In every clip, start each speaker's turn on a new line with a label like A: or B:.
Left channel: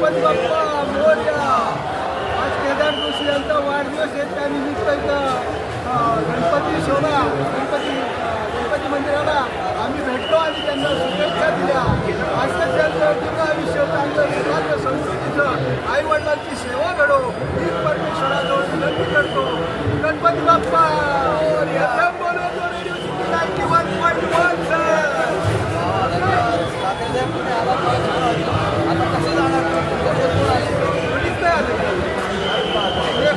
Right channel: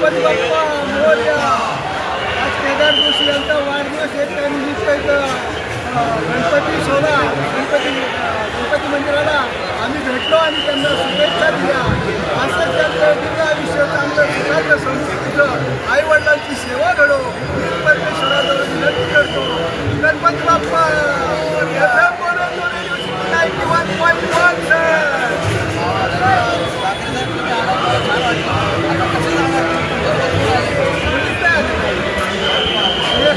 A: गणपती बाप्पा मोर्या. आज केदार जोशी यांचा वाढदिवस येत आणि इथं गणपती सोडा गणपती गणपती मंदिराला आम्ही भेटलो आणि त्यांना शुभेच्छा दिल्या. असंच त्यांचं दिव्य आयुष्य चांगलं सुखाचं संस्कृतीचं आईवडिलांची सेवा घडो. परमेश्वराजवळ विनंती करतो. गणपती बाप्पा!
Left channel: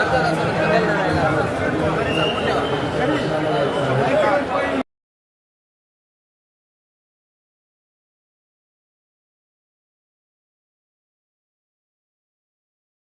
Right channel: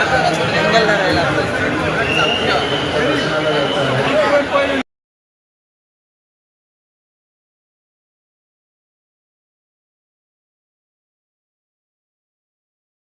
A: आता